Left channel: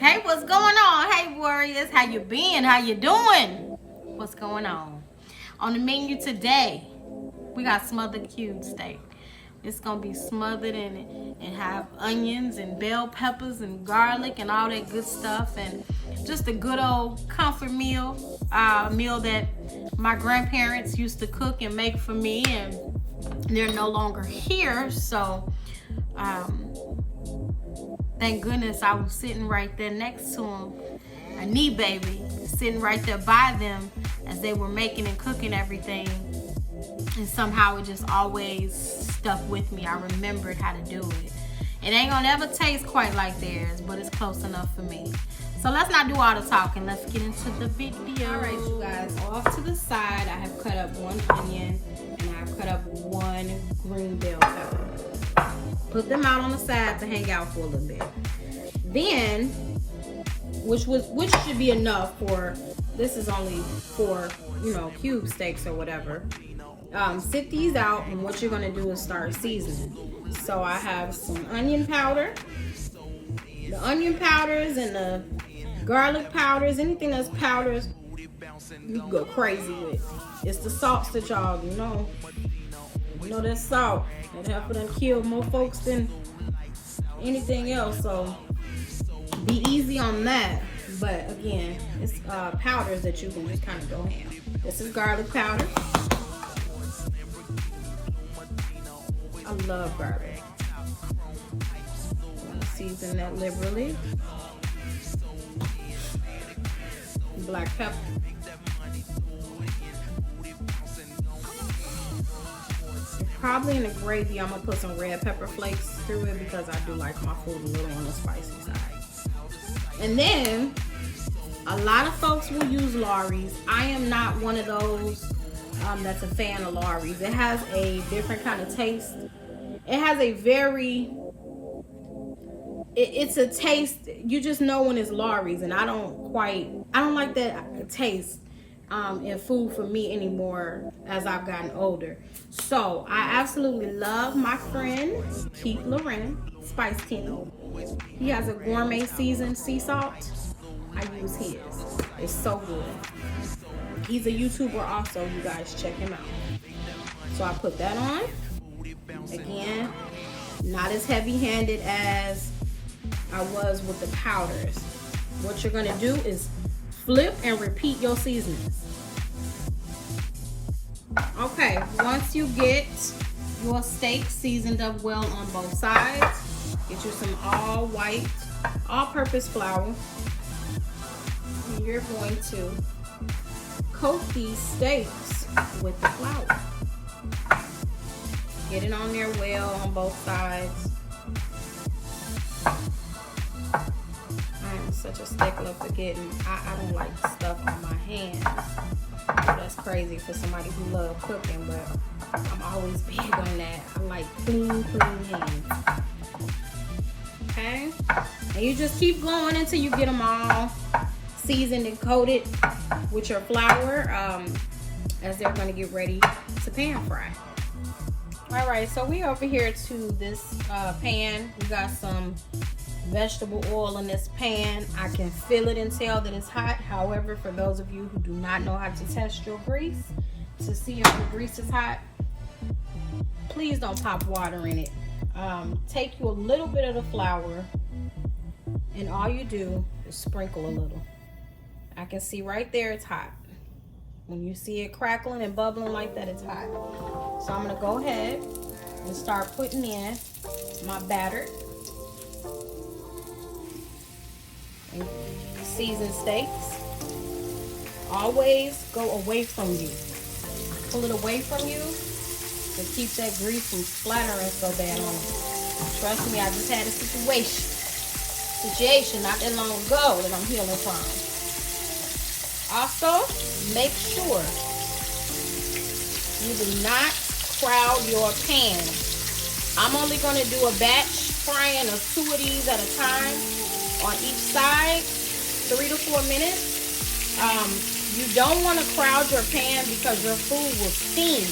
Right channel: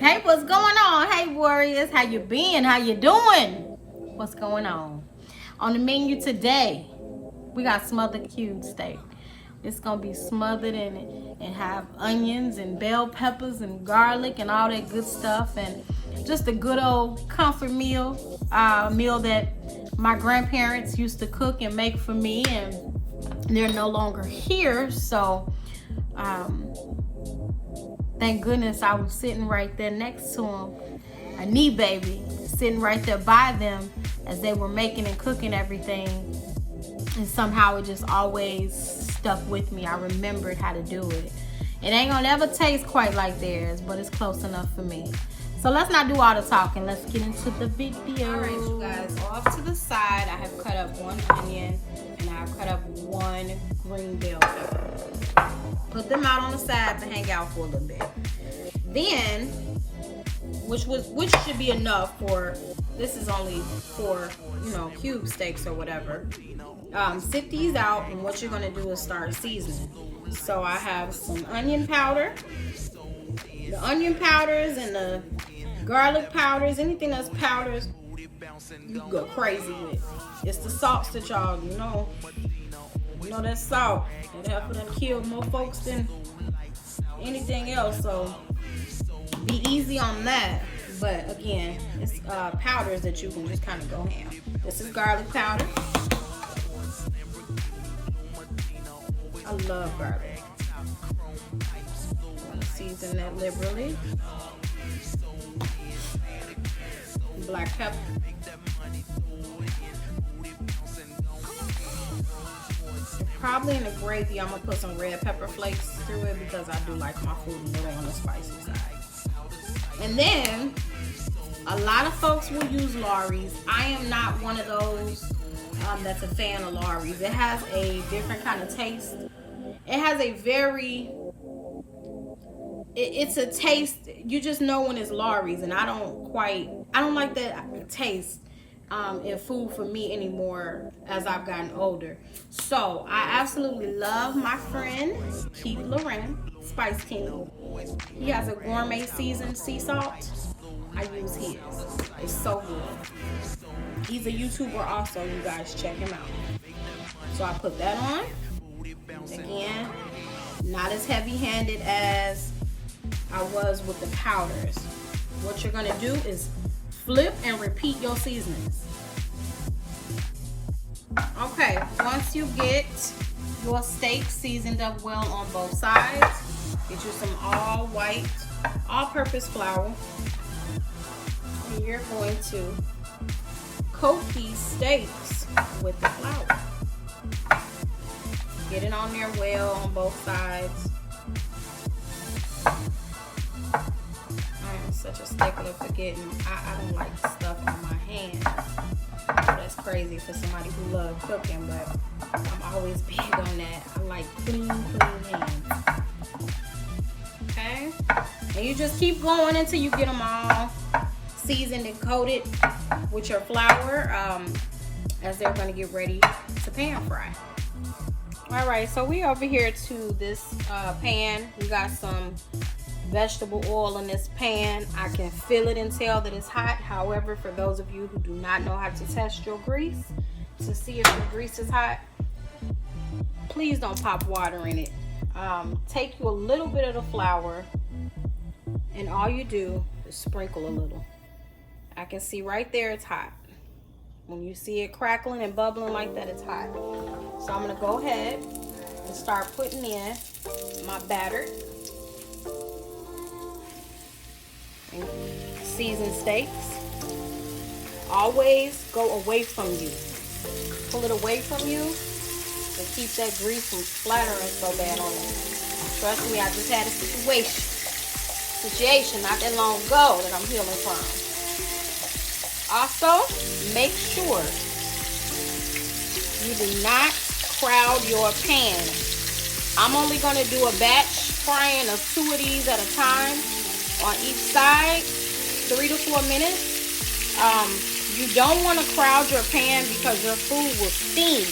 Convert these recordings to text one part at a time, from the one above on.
Hey, what's going on? Hey, warriors, how you been? How you doing? What's going on? On the menu today, we got smothered cube steak. It's gonna be smothered in it and have onions and bell peppers and garlic and all that good stuff, and just a good old comfort meal, meal that my grandparents used to cook and make for me, and they're no longer here, so thank goodness I was sitting right there next to them, a knee baby, sitting right there by them as they were making and cooking everything. And somehow it just always stuck with me. I remembered how to do it. It ain't gonna ever taste quite like theirs, but it's close enough for me. So let's not do all the talking. Let's get into the video. All right, you guys, off to the side, I have cut up 1 onion and I've cut up 1 green bell pepper. Put them out on the side to hang out for a little bit. Then, which should be enough for, this is only for, cube steaks or whatever. Sit these out, and what you're gonna do is start seasoning. So I have some onion powder. The onion powders and the garlic powders, anything that's powders, you can go crazy with. It's the salts that y'all, that salt. It helps them kill more folks than anything else. So be easy on that. But again, it's powders that you can just kind of go ham. This is garlic powder. I love garlic. Season that liberally. Black pepper. Probably in the gravy, I'm gonna put some red pepper flakes through it because I do like my food a little on the spicy side. And then, a lot of folks will use Lawry's. I am not one of those that's a fan of Lawry's. It has a different kind of taste. It has a it's a taste, you just know when it's Lawry's, and I don't like that taste in food for me anymore as I've gotten older. So I absolutely love my friend Keith Loren, Spice King. He has a gourmet seasoned sea salt. I use his. It's so good. He's a YouTuber also, you guys check him out. So I put that on. Again, not as heavy-handed as I was with the powders. What you're gonna do is flip and repeat your seasonings. Okay, once you get your steak seasoned up well on both sides, get you some all white, all-purpose flour, and you're going to coat these steaks with the flour. Get it on there well on both sides. I am such a stickler for getting, I don't like stuff on my hands. That's crazy for somebody who loves cooking, but I'm always big on that. I like clean hands. Okay? And you just keep going until you get them all seasoned and coated with your flour as they're going to get ready to pan fry. All right, so we over here to this pan. We got some vegetable oil in this pan. I can feel it and tell that it's hot. However, for those of you who do not know how to test your grease to see if the grease is hot, please don't pop water in it. Take you a little bit of the flour, and all you do is sprinkle a little. I can see right there it's hot. When you see it crackling and bubbling like that, it's hot. So I'm gonna go ahead and start putting in my batter. Seasoned steaks. Always go away from you. Pull it away from you to keep that grease from splattering so bad on it. Trust me, I just had a situation not that long ago that I'm healing from. Also, make sure you do not crowd your pan. I'm only going to do a batch frying of 2 of these at a time on each side, 3 to 4 minutes. You don't want to crowd your pan because your food will steam.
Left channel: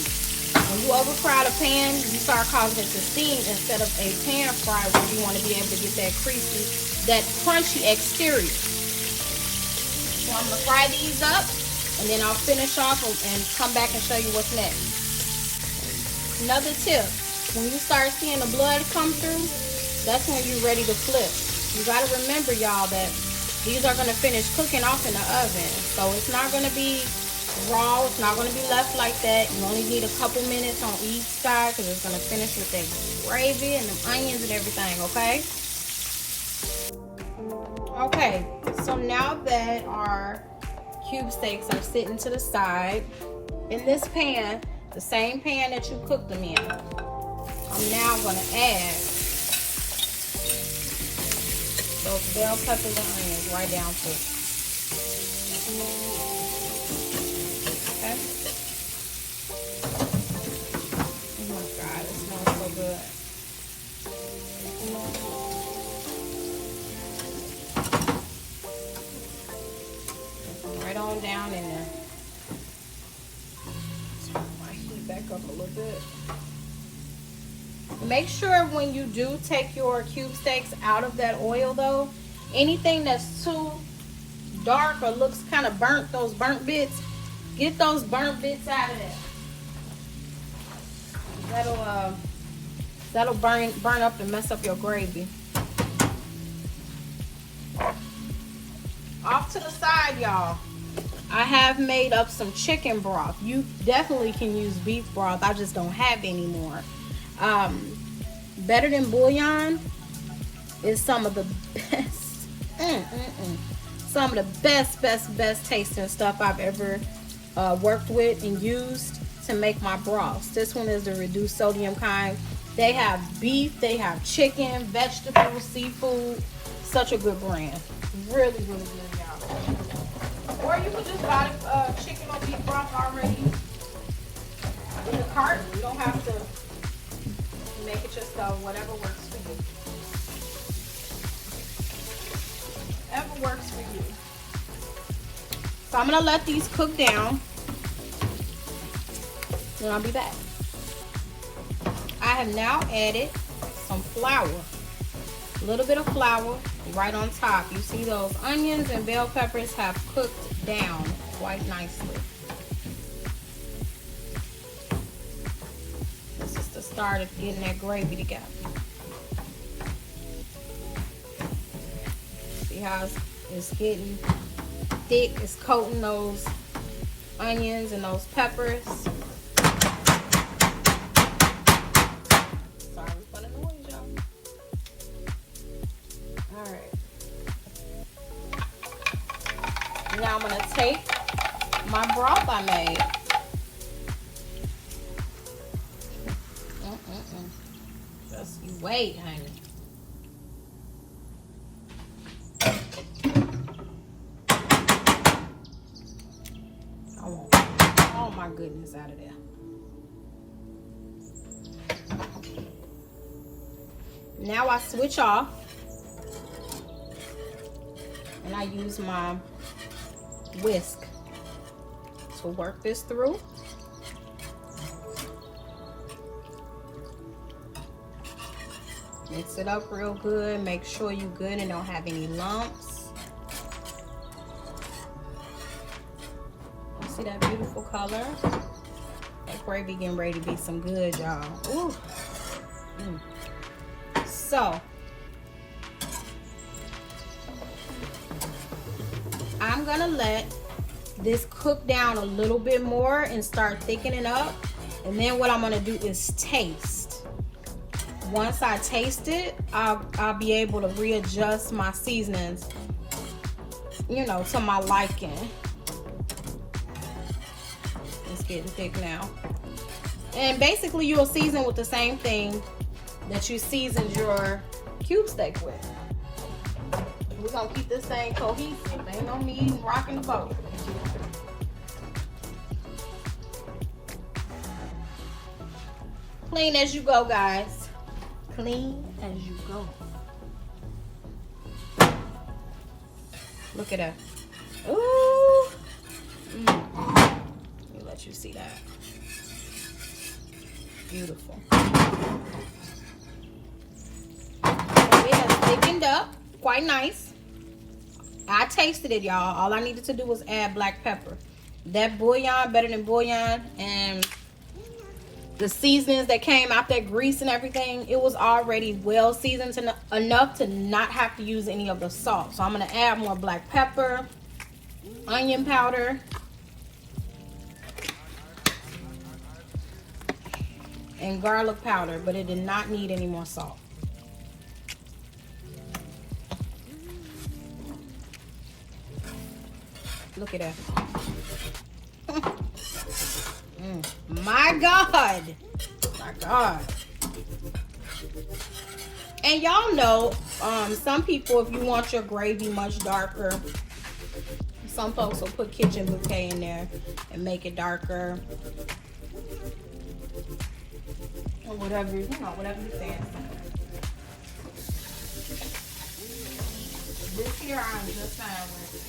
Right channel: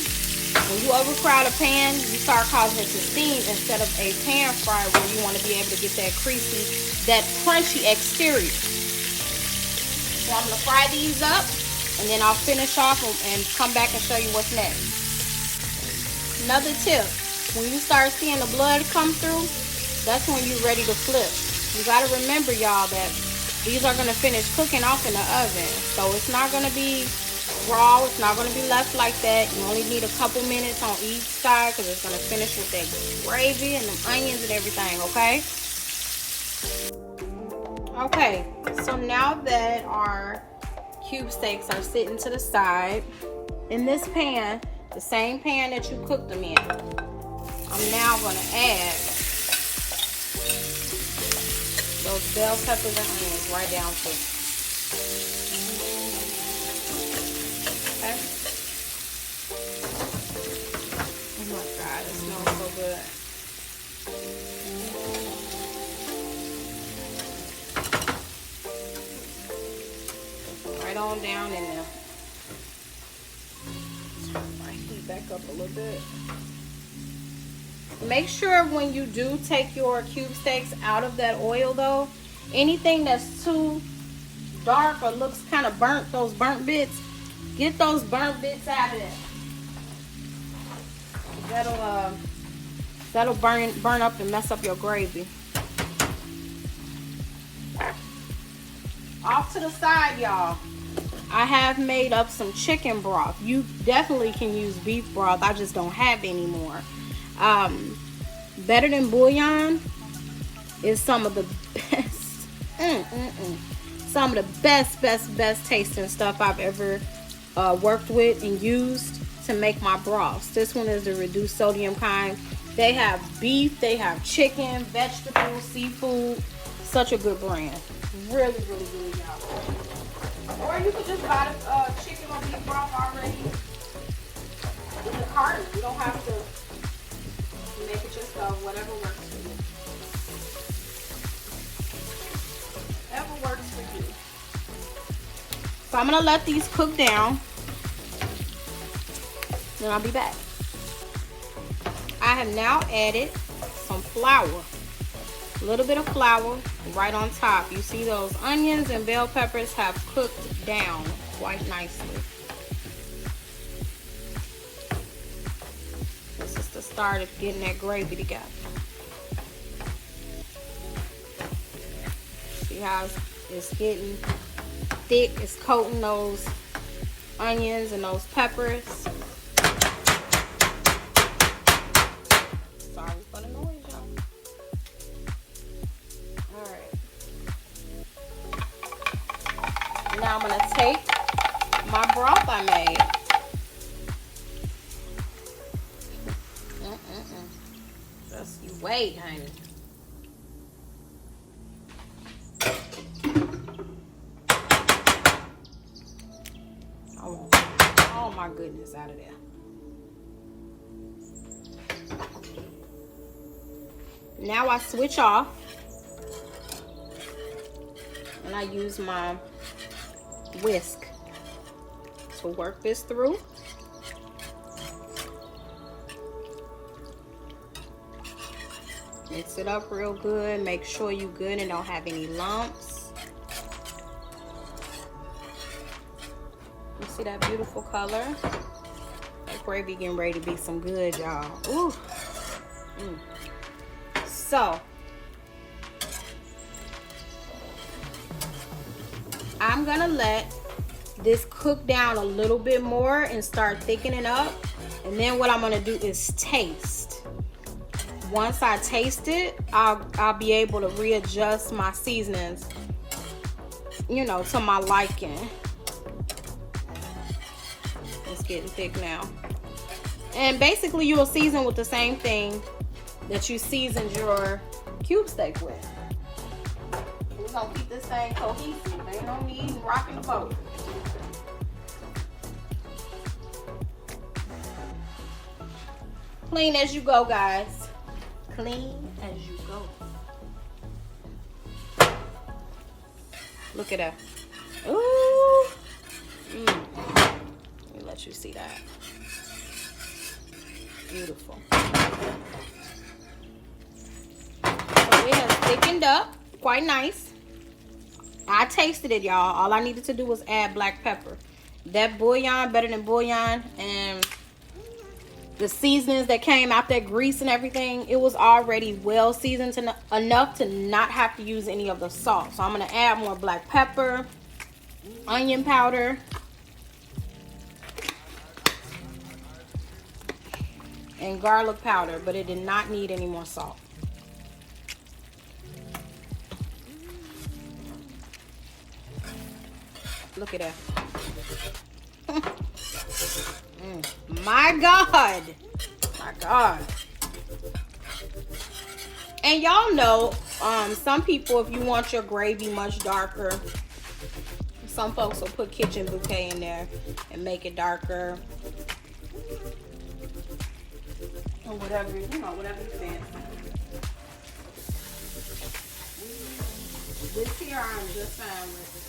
When you overcrowd a pan, you start causing it to steam instead of a pan fry where you want to be able to get that crispy, that crunchy exterior. So I'm going to fry these up, and then I'll finish off and come back and show you what's next. Another tip, when you start seeing the blood come through, that's when you're ready to flip. You got to remember, y'all, that these are going to finish cooking off in the oven. So it's not going to be raw, it's not going to be left like that. You only need a couple minutes on each side because it's going to finish with that gravy and the onions and everything, okay? Okay, so now that our cube steaks are sitting to the side, in this pan, the same pan that you cooked them in, I'm now going to add those bell peppers and onions right down to it. Down in there. Turn my heat back up a little bit. Make sure when you do take your cube steaks out of that oil though, anything that's too dark or looks kind of burnt, those burnt bits, get those burnt bits out of there. That'll burn up and mess up your gravy. Off to the side, y'all, I have made up some chicken broth. You definitely can use beef broth. I just don't have any more. Better Than Bouillon is some of the best, some of the best tasting stuff I've ever worked with and used to make my broths. This one is the reduced sodium kind. They have beef, they have chicken, vegetables, seafood. Such a good brand. Really good, y'all. Or you could just buy chicken or beef broth already in the cart. You don't have to make it yourself. Whatever works for you. Whatever works for you. So I'm gonna let these cook down, and I'll be back. I have now added some flour, a little bit of flour right on top. You see those onions and bell peppers have cooked down quite nicely. This is the start of getting that gravy together. See how it's getting thick? It's coating those onions and those peppers. Wait, honey. Oh my goodness, out of there. Now I switch off and I use my whisk to work this through. Mix it up real good. Make sure you're good and don't have any lumps. See that beautiful color? The gravy getting ready to be some good, y'all. Ooh. So, I'm gonna let this cook down a little bit more and start thickening up. And then what I'm gonna do is taste. Once I taste it, I'll be able to readjust my seasonings, you know, to my liking. It's getting thick now. And basically you'll season with the same thing that you seasoned your cube steak with. We're gonna keep this thing cohesive. Ain't no need in rocking the boat. Clean as you go, guys. Clean as you go. Look at that. Ooh. Let me let you see that. Beautiful. It has thickened up quite nice. I tasted it, y'all. All I needed to do was add black pepper. That bouillon, better than bouillon, and the seasonings that came out, that grease and everything, it was already well seasoned enough to not have to use any of the salt. So I'm gonna add more black pepper, onion powder, and garlic powder, but it did not need any more salt. Look at that. My God. My God. And y'all know, some people, if you want your gravy much darker, some folks will put kitchen bouquet in there and make it darker. Or whatever, you know, whatever you say. This here I'm just fine with it.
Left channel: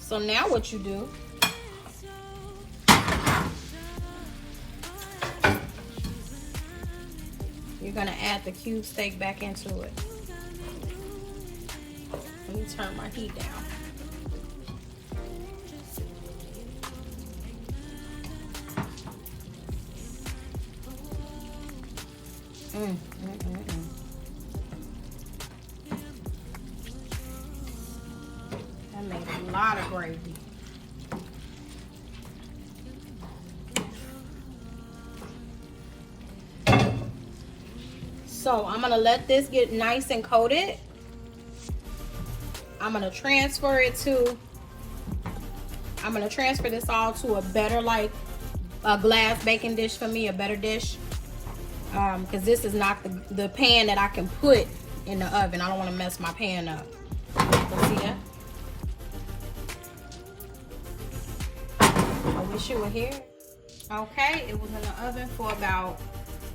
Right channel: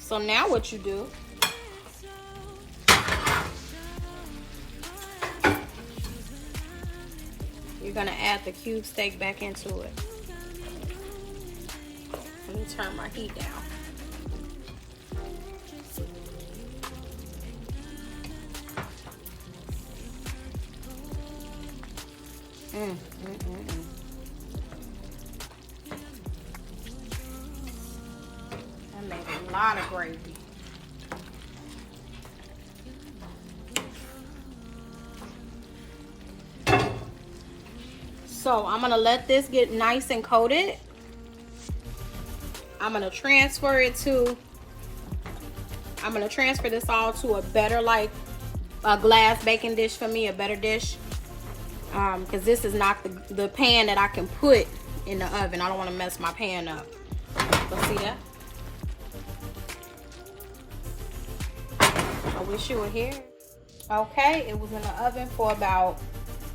So now what you do, you're gonna add the cube steak back into it. Let me turn my heat down. I made a lot of gravy. So I'm gonna let this get nice and coated. I'm gonna transfer this all to a better, like a glass baking dish for me, a better dish. Because this is not the pan that I can put in the oven. I don't want to mess my pan up. So see that? I wish you were here. Okay, it was in the oven for about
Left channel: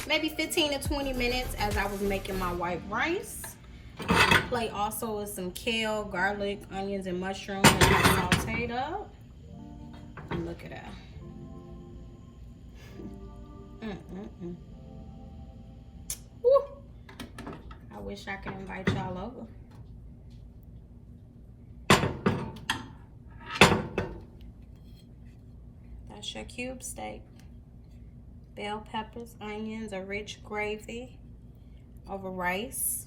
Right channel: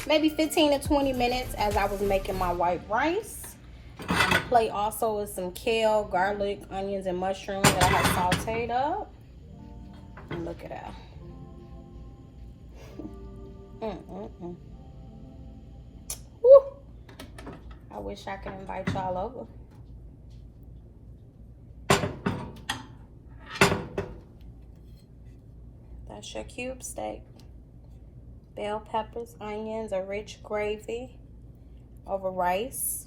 maybe 15 to 20 minutes as I was making my white rice. On the plate also is some kale, garlic, onions, and mushrooms that I have sauteed up. And look at that. Woo. I wish I could invite y'all over. That's your cube steak. Bell peppers, onions, a rich gravy over rice.